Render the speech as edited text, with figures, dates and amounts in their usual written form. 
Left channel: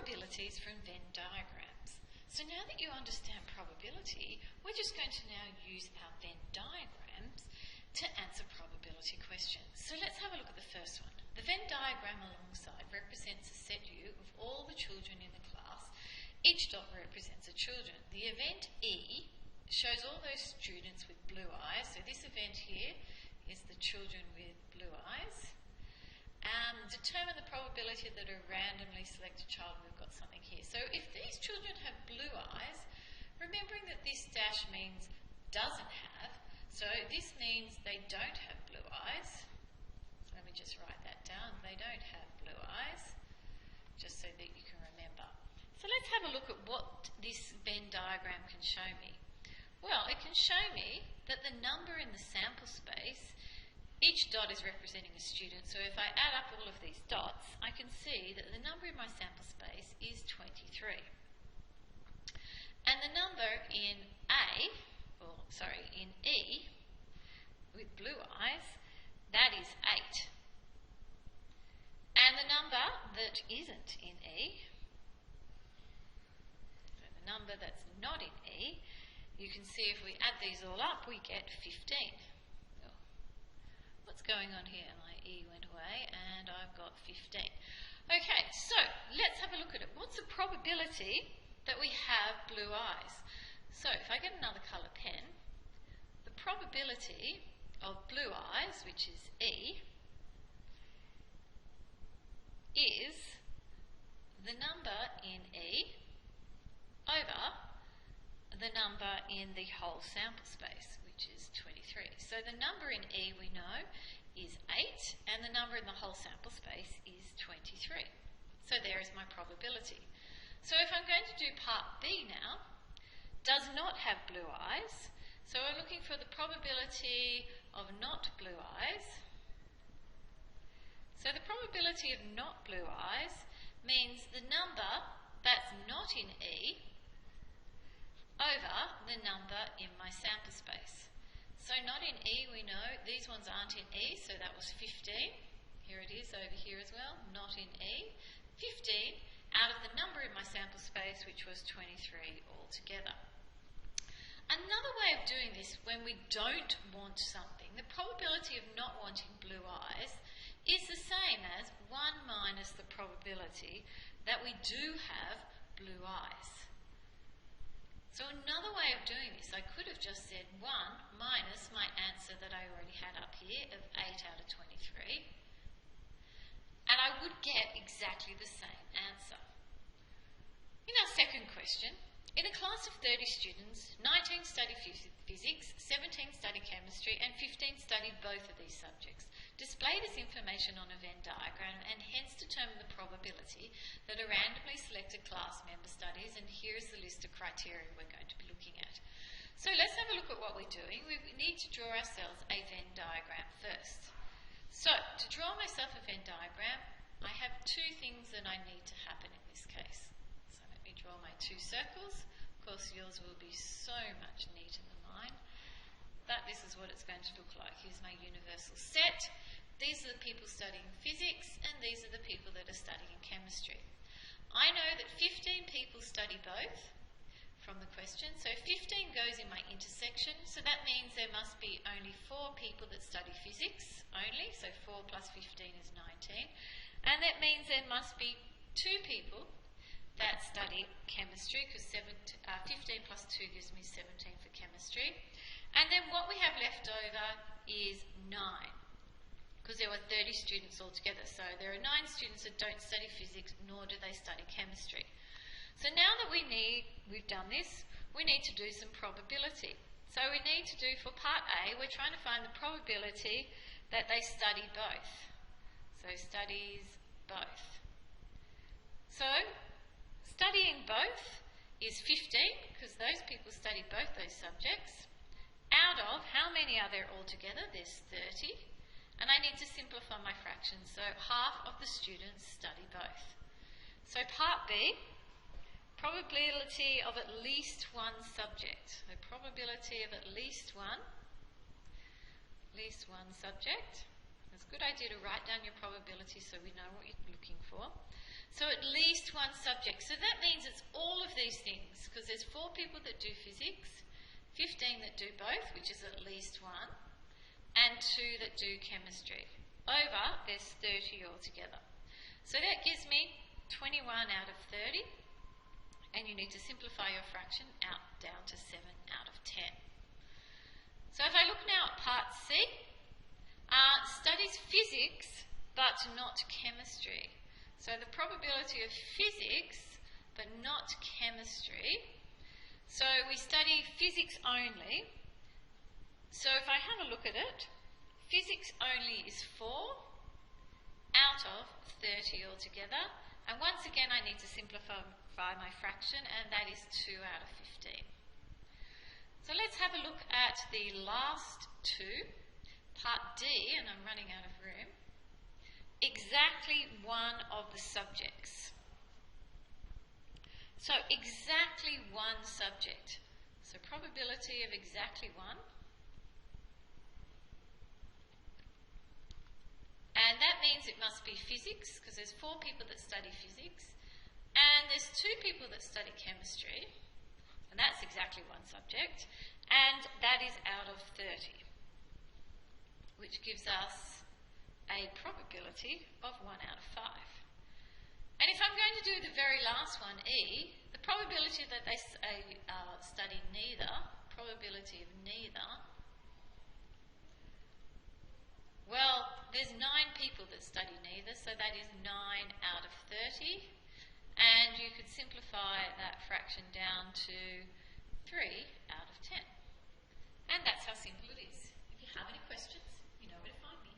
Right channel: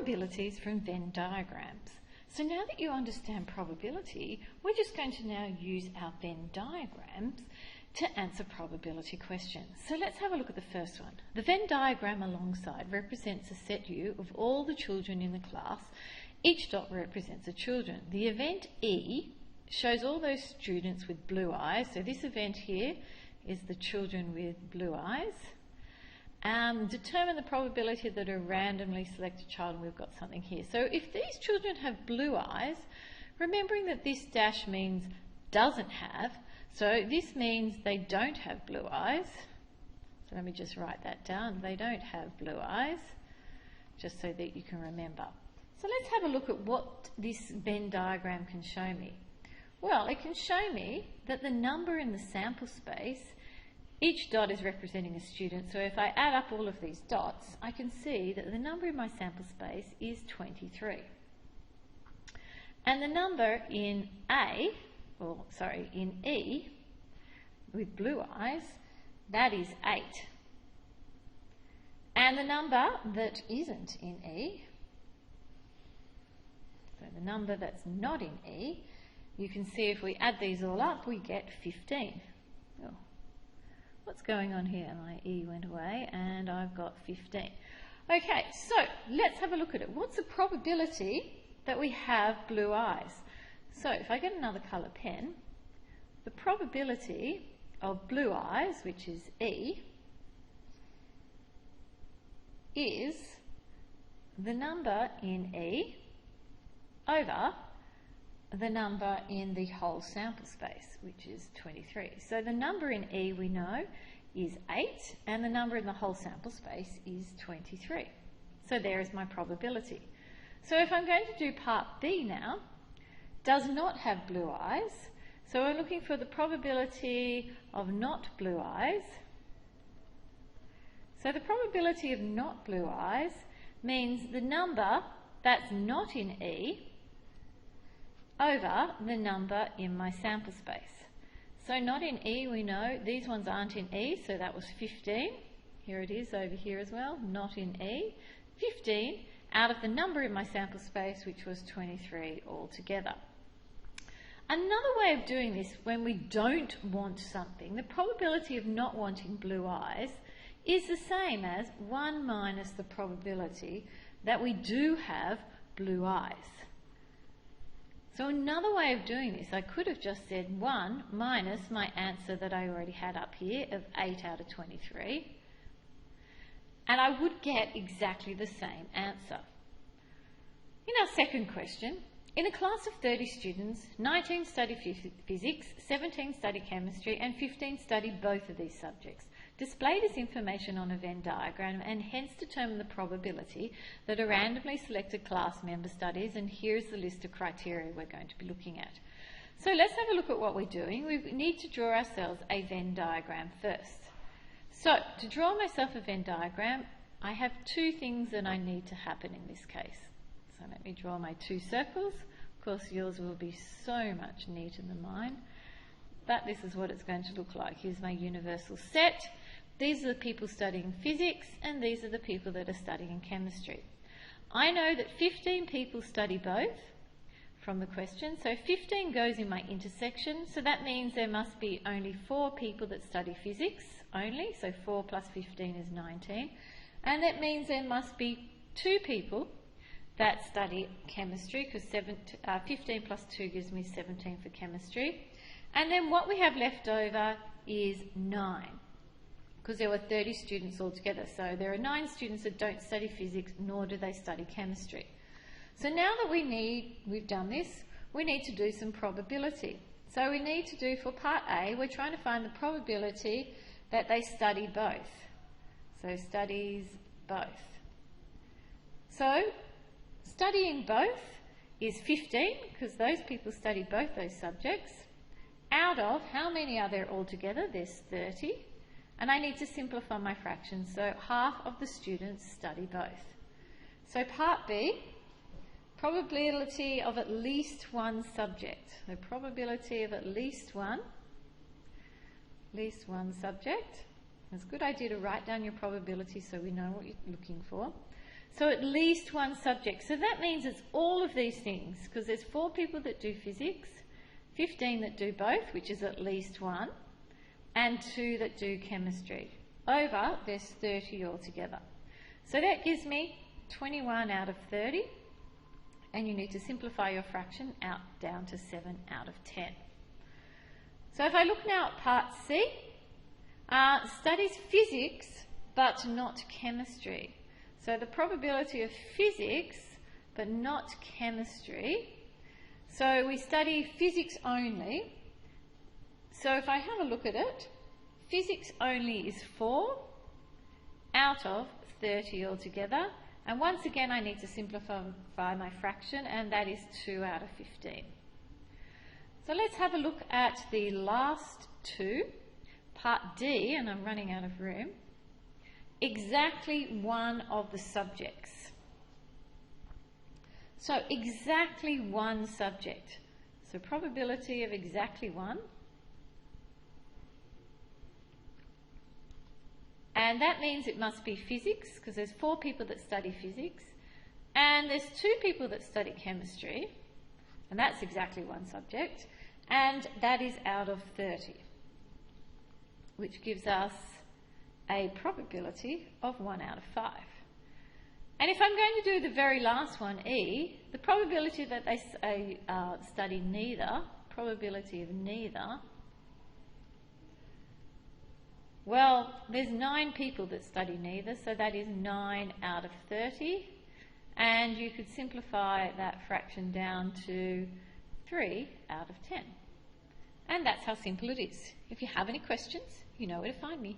Probabilities from Venn diagrams. So now that you understand probability, we're just going to now use our Venn diagrams to answer probability questions. So let's have a look at the first one. The Venn diagram alongside represents a set U of all the children in the class. Each dot represents a children. The event E shows all those students with blue eyes. So this event here is the children with blue eyes. Determine the probability that a randomly selected child, and we've got something here. So if these children have blue eyes, remembering that this dash means doesn't have, so this means they don't have blue eyes. So let me just write that down. They don't have blue eyes, just so that you can remember. So let's have a look at what this Venn diagram can show me. Well, it can show me that the number in the sample space, each dot is representing a student, so if I add up all of these dots, I can see that the number in my sample space is 23. And the number in in E, with blue eyes, that is 8. And the number that isn't in E, so the number that's not in E, you can see if we add these all up, we get 15. Oh. What's going on here? My E went away and I've got 15. Okay, so let's have a look at it. What's the probability that we have blue eyes? So if I get another colour pen, the probability of blue eyes, which is E, is the number in E over the number in the whole sample space, which is 23. So the number in E we know is 8, and the number in the whole sample space is 23. So there is my probability. So if I'm going to do part B now, does not have blue eyes, so we're looking for the probability of not blue eyes. So the probability of not blue eyes means the number that's not in E over the number in my sample space. So not in E, we know these ones aren't in E, so that was 15. Here it is over here as well, not in E. 15 out of the number in my sample space, which was 23 altogether. Another way of doing this, when we don't want something, the probability of not wanting blue eyes is the same as 1 minus the probability that we do have blue eyes. So another way of doing this, I could have just said 1 minus my answer that I already had up here of 8 out of 23, and I would get exactly the same answer. In our second question, in a class of 30 students, 19 study physics, 17 study chemistry, and 15 study both of these subjects. Display this information on a Venn diagram and hence determine the probability that a randomly selected class member studies, and here's the list of criteria we're going to be looking at. So let's have a look at what we're doing. We need to draw ourselves a Venn diagram first. So to draw myself a Venn diagram, I have two things that I need to happen in this case. So let me draw my two circles. Of course, yours will be so much neater than mine. But this is what it's going to look like. Here's my universal set. These are the people studying physics, and these are the people that are studying chemistry. I know that 15 people study both from the question. So 15 goes in my intersection. So that means there must be only 4 people that study physics only. So 4 plus 15 is 19. And that means there must be 2 people that study chemistry, because 15 plus 2 gives me 17 for chemistry. And then what we have left over is 9, because there were 30 students altogether. So there are 9 students that don't study physics, nor do they study chemistry. So now that we've done this, we need to do some probability. So we need to do, for part A, we're trying to find the probability that they study both. So studies both. So studying both is 15, because those people study both those subjects. Out of, how many are there altogether? There's 30. And I need to simplify my fractions, so half of the students study both. So part B, probability of at least one subject. So probability of at least one subject. It's a good idea to write down your probability so we know what you're looking for. So at least one subject. So that means it's all of these things, because there's 4 people that do physics, 15 that do both, which is at least one, and 2 that do chemistry. Over, there's 30 altogether. So that gives me 21 out of 30, and you need to simplify your fraction out down to 7 out of 10. So if I look now at part C, studies physics but not chemistry. So the probability of physics but not chemistry. So we study physics only. So if I have a look at it, physics only is 4 out of 30 altogether. And once again, I need to simplify my fraction, and that is 2 out of 15. So let's have a look at the last 2, part D, and I'm running out of room. Exactly one of the subjects. So exactly one subject. So probability of exactly one. And that means it must be physics, because there's 4 people that study physics, and there's 2 people that study chemistry, and that's exactly one subject, and that is out of 30, which gives us a probability of 1 out of 5. And if I'm going to do the very last one, E, the probability that they study neither, probability of neither, well, there's 9 people that study neither, so that is 9 out of 30. And you could simplify that fraction down to 3 out of 10. And that's how simple it is. If you have any questions, you know where to find me.